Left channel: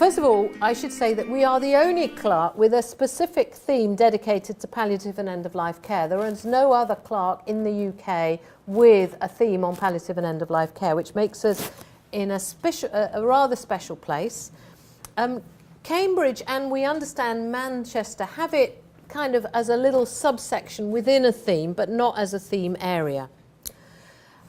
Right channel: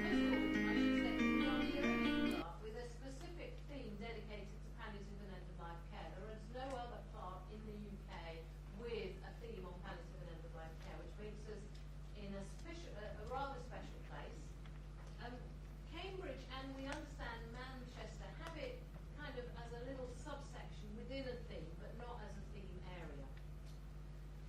First of all, I should say that we are the only CLAHRC with a specific theme dedicated to palliative and end-of-life care. There is no other CLAHRC in the UK with a theme on palliative and end-of-life care, which makes us in a rather special place. Cambridge, and we understand Manchester, have it kind of as a little subsection within a theme, but not as a theme area.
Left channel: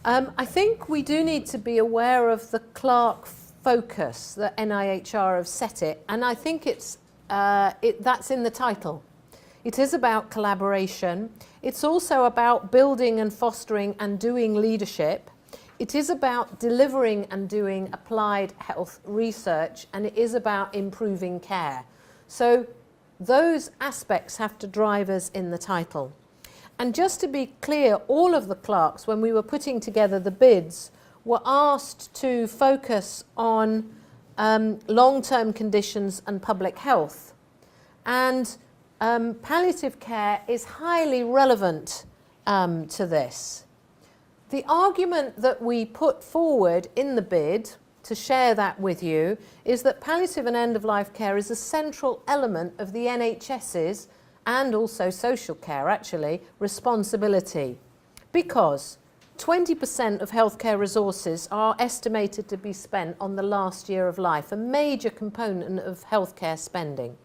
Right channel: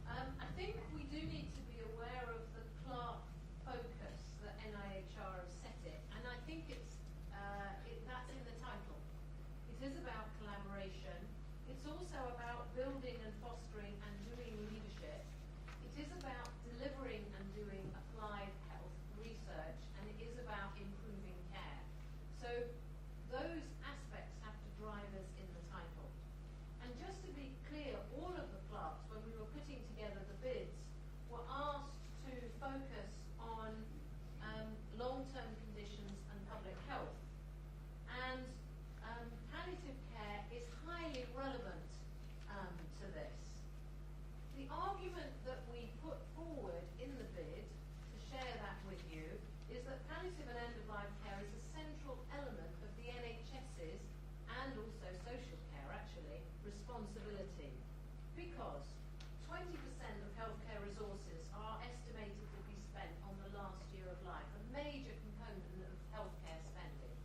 I think we do need to be aware of the CLAHRC focus that NIHR have set it, and I think that's in the title. It is about collaboration. It's also about building and fostering and doing leadership. It is about delivering and doing applied health research, and it is about improving care. So those aspects have to drive us in the title. And just to be clear, all of the CLAHRCs, when we were putting together the bids, were asked to focus on long-term conditions and public health. And palliative care is highly relevant to this. The argument that we put forward in the bid, to share that with you, is that palliative and end-of-life care is a central element of the NHS's, and also social care actually, responsibility. Because 20% of healthcare resources are estimated to be spent on the last year of life, a major component of healthcare spending.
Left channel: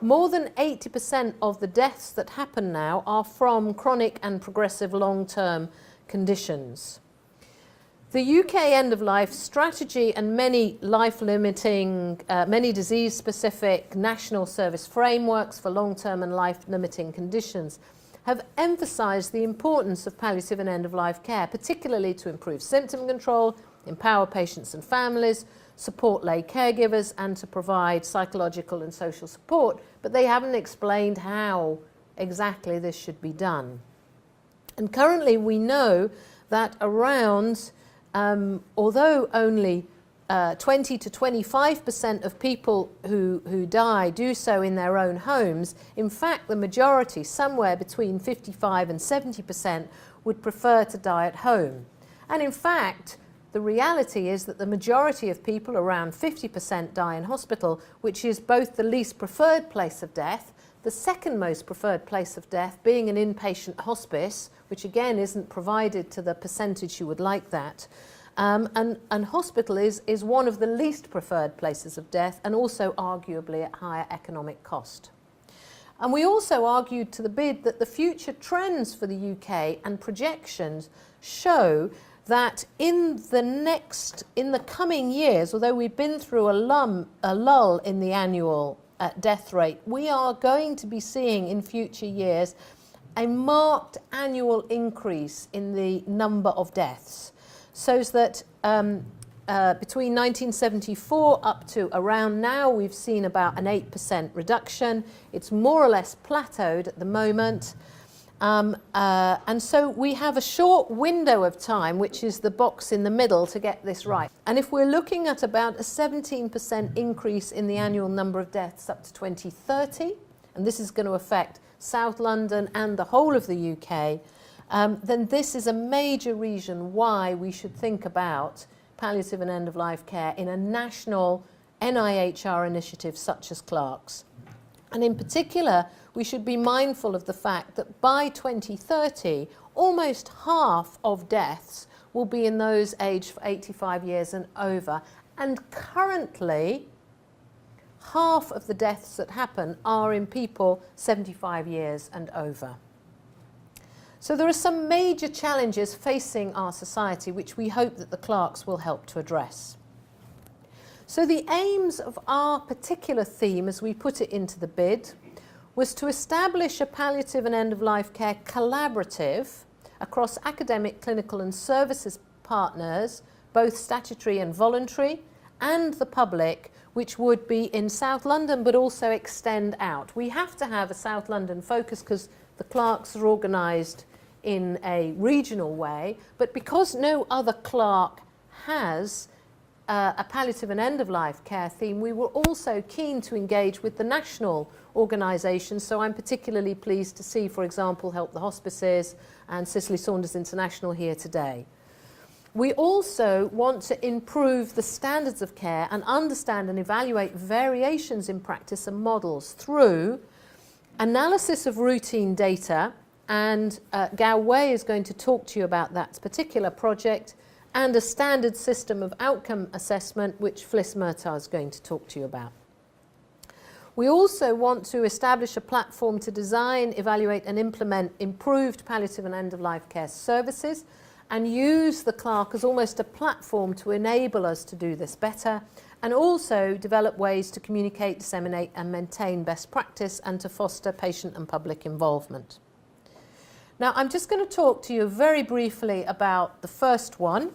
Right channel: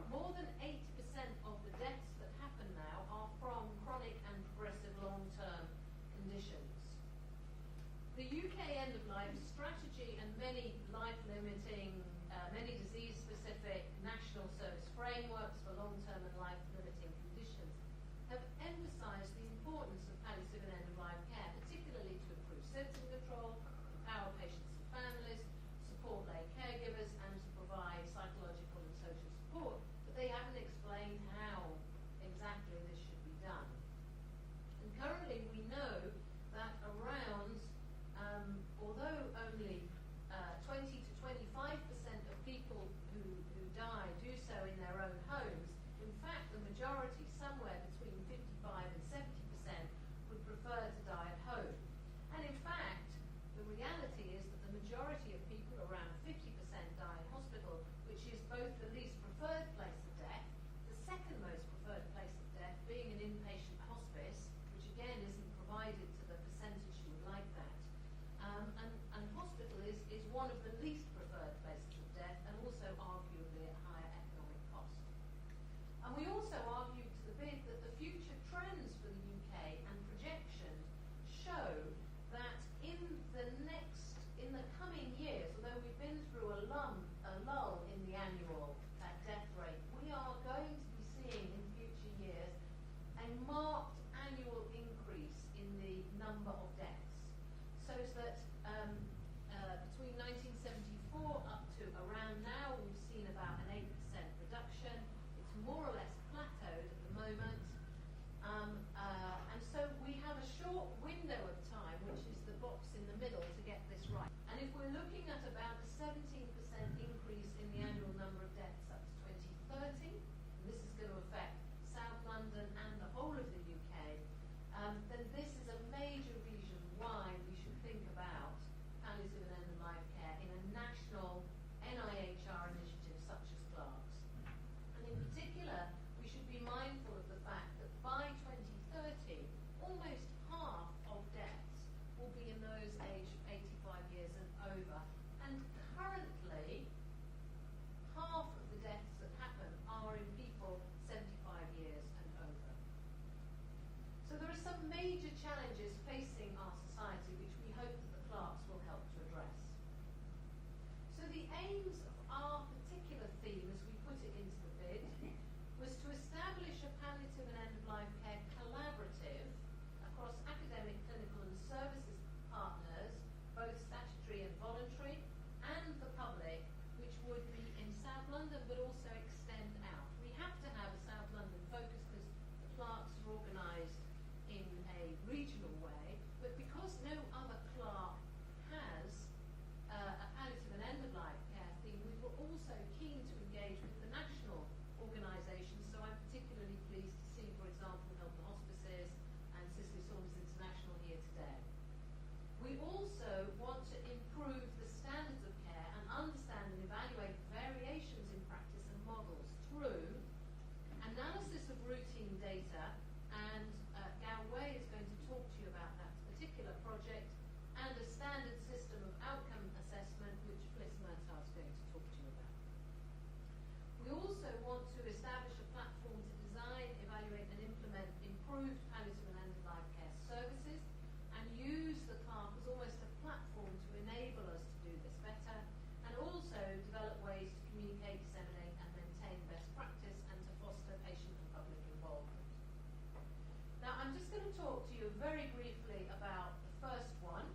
More than 80% of the deaths that happen now are from chronic and progressive long-term conditions. The UK end-of-life strategy and many life-limiting, many disease-specific national service frameworks for long-term and life-limiting conditions have emphasised the importance of palliative and end-of-life care, particularly to improve symptom control, empower patients and families, support lay caregivers, and to provide psychological and social support, but they haven't explained how exactly this should be done. And currently we know that around, although only 20 to 25% of people who die do so in their own homes, in fact the majority, somewhere between 55 and 70%, would prefer to die at home. And in fact, the reality is that the majority of people, around 50%, die in hospital, which is both the least preferred place of death, the second most preferred place of death being an inpatient hospice, which again isn't provided to the percentage you would like that. And hospital is one of the least preferred places of death, and also arguably at higher economic cost. And we also argued to the bid that the future trends for the UK and projections show that in the coming years, although we've been through a lull in the annual death rate, we are going to be seeing in future years a marked annual increase in the number of deaths. So that between 1974 up to around now, we've seen about an 8% reduction. It's more or less plateaued at the moment. And so we have a short window of time, which is the box in the middle, to get this right. And if we're looking at about a 17% increase in the annual number of deaths up to 2030, and this is going to affect South London and the whole of the UK, then this is a major reason why we should think about palliative and end-of-life care in a national NIHR initiative such as CLAHRC's. And in particular, we should be mindful of the fact that by 2030, almost half of deaths will be in those aged 85 years and over. And currently, half of the deaths that happen are in people 75 years and over. So there are some major challenges facing our society, which we hope that the CLAHRCs will help to address. So the aims of our particular theme, as we put it into the bid, was to establish a palliative and end-of-life care collaborative across academic, clinical and services partners, both statutory and voluntary, and the public, which would be in South London but also extend out. We have to have a South London focus because the CLAHRCs are organised in a regional way, but because no other CLAHRC has a palliative and end-of-life care theme, we were also keen to engage with the national organisations. So I'm particularly pleased to see, for example, Help the Hospices and Cicely Saunders International here today. We also want to improve the standards of care and understand and evaluate variations in practice and models through analysis of routine data, and Gao Wei is going to talk to you about that particular project, and a standard system of outcome assessment, which Fliss Murtaugh is going to talk to you about. We also want to establish a platform to design, evaluate and implement improved palliative and end-of-life care services, and use the CLAHRC as almost a platform to enable us to do this better, and also develop ways to communicate, disseminate and maintain best practice, and to foster patient and public involvement. Now, I'm just going to talk to you very briefly about the first one,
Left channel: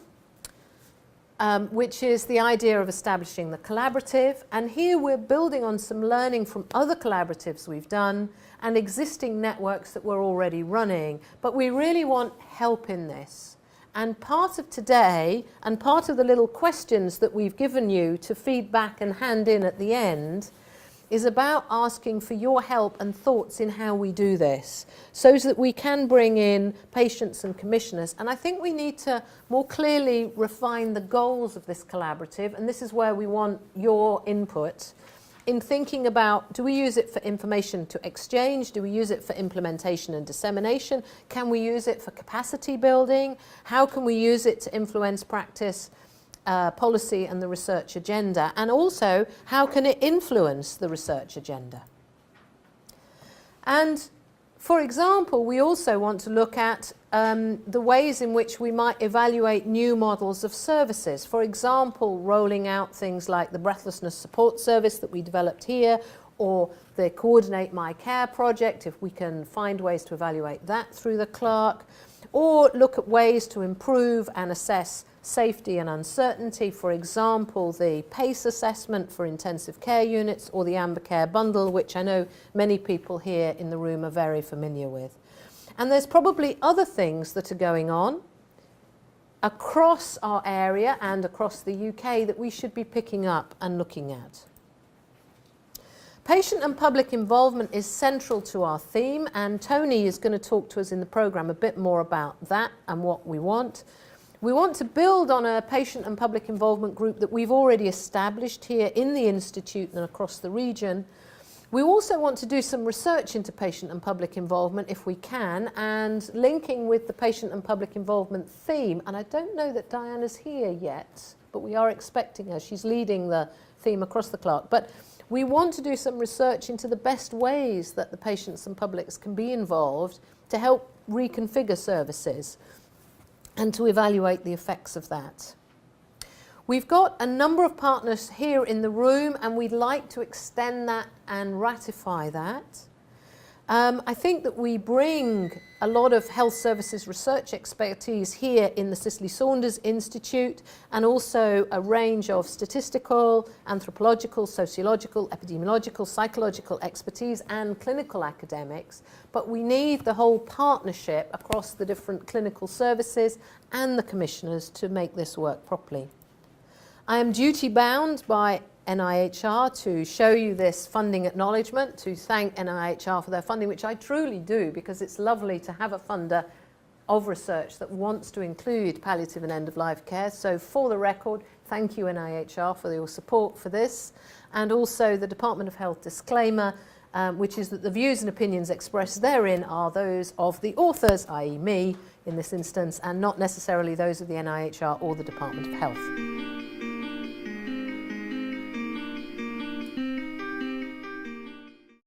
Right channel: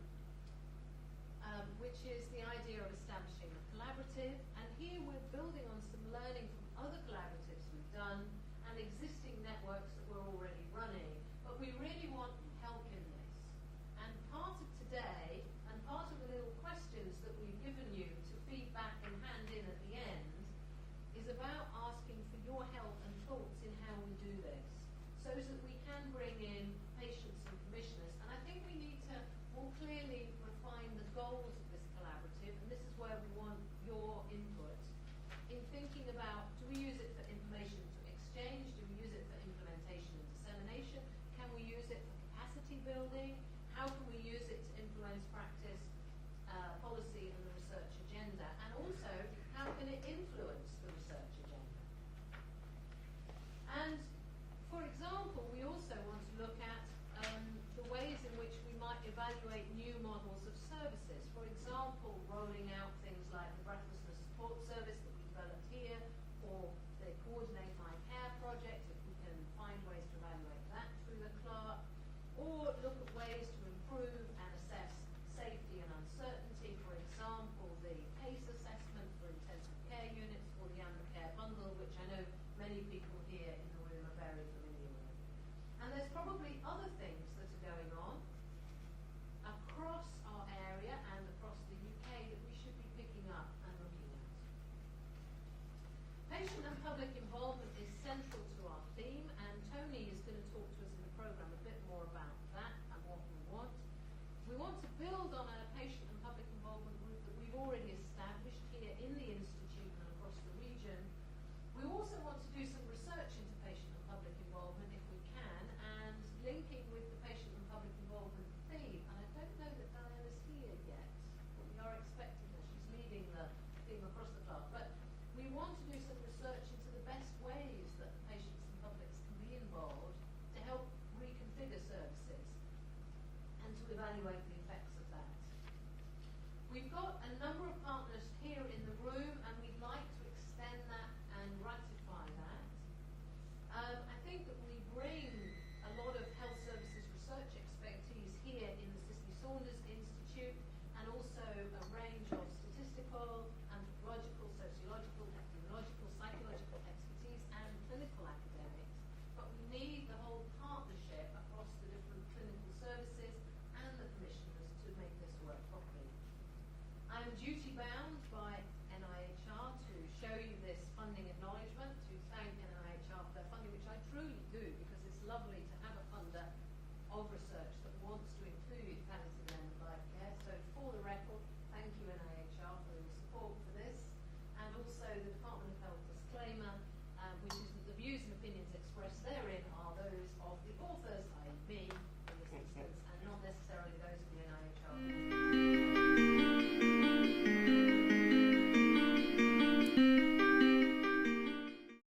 which is the idea of establishing the collaborative. And here we're building on some learning from other collaboratives we've done and existing networks that we're already running. But we really want help in this. And part of today, and part of the little questions that we've given you to feed back and hand in at the end, is about asking for your help and thoughts in how we do this, so that we can bring in patients and commissioners. And I think we need to more clearly refine the goals of this collaborative, and this is where we want your input in thinking about, do we use it for information to exchange? Do we use it for implementation and dissemination? Can we use it for capacity building? How can we use it to influence practice, policy and the research agenda? And also, how can it influence the research agenda? And for example, we also want to look at the ways in which we might evaluate new models of services. For example, rolling out things like the breathlessness support service that we developed here, or the Coordinate My Care project, if we can find ways to evaluate that through the CLAHRC, or look at ways to improve and assess safety and uncertainty. For example, the PACE assessment for intensive care units, or the Amber Care bundle, which I know many people here in the room are very familiar with. And there's probably other things that are going on across our area and across the UK that we should be picking up and looking at. Patient and public involvement is central to our theme, and Tony is going to talk to us in the programme a bit more about that and what we want. We want to build on a patient and public involvement group that we've already established here in the Institute and across the region. We also want to do some research into patient and public involvement if we can, and linking with the patient and public involvement theme. And I don't know that Diana's here yet, but we are expecting her. She's leading the theme across the CLAHRC. But we want to do some research into the best ways that the patients and publics can be involved to help reconfigure services and to evaluate the effects of that. We've got a number of partners here in the room, and we'd like to extend that and ratify that. I think that we bring a lot of health services research expertise here in the Cicely Saunders Institute, and also a range of statistical, anthropological, sociological, epidemiological, psychological expertise and clinical academics. But we need the whole partnership across the different clinical services and the commissioners to make this work properly. I am duty bound by NIHR to show you this funding acknowledgement, to thank NIHR for their funding, which I truly do, because it's lovely to have a funder of research that wants to include palliative and end-of-life care. So for the record, thank you NIHR for your support for this. And also the Department of Health disclaimer, which is that the views and opinions expressed therein are those of the authors, i.e. me in this instance, and not necessarily those of the NIHR or the Department of Health.